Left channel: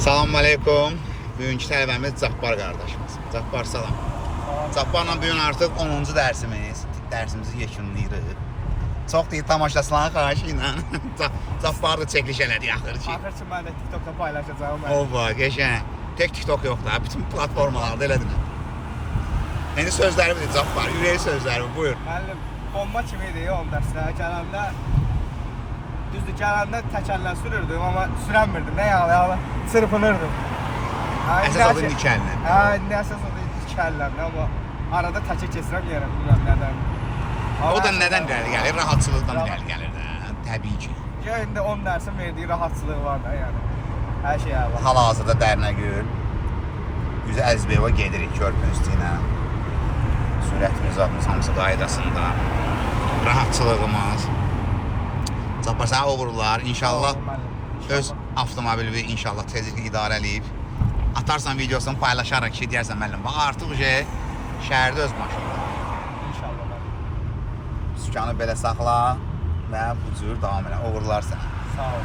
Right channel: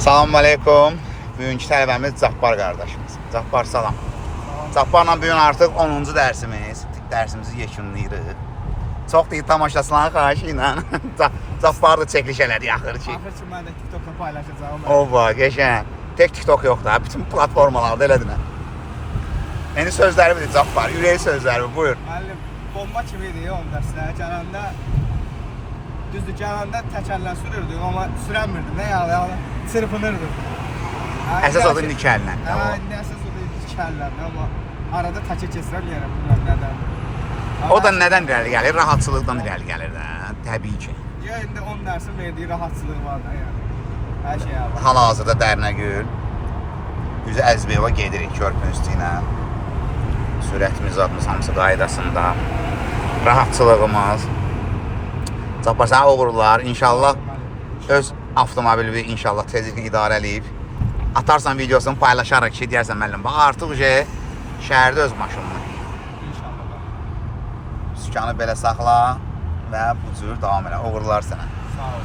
Salam aleykum. Bugünkü tələbəmiz Cabbar qardaşımız. Cabbar salam. Cabbarla bugün artıq 10-cu dərsimiz. Dərsimizi yekunlayırıq. Çox deyil tamaşasına xahiş ilə. Cabbar da çəkiliş elədi axır ki. Axır ki, mən də TikTokda paylaşacağım. Ova, geçən. Tek TikTok yox da, bütün platformalarda elədir. Yeni sözləri bilir Cabbar, ürək sözləri buyur. Müəllim, bomba kimi idi ya 10 dərsdə. Gələndə, düzdür, gələndə təkərlə sürürdüm, amma sürənmirdim. Nə yalı, çırpınırdım. Əsas adı Nikəllə. Hə, indi əsas adı Nikəlləmdir, amma arada təkir keçirəm yerə, bilməm nədən. O da nədən dəli gəlir? Rahatçılıqdan dəli gəlir də, təbii ki. Ya, indi 10 dərsin verdiyi rahatçılığı var da, yəni. Hər şey var. Hal-hazırda Dərnəgül, üzü Əzbeyova gedirik körpü üstünə. Sürətimiz atmış hamısı qaydasında. Rahatçılığımız. Cabbar sənə uğurlar. İnşallah öz avtomobili inşallah tezliklə idarə eləyib. Atarsan videosunu paylaşaraq ki, deyərsən müəllim, bax artıq şəhərdə öz maşınım. İnşallah. Sükanı belə saxla və bu cür davam elə. Uğurlar sənə. Sağ ol.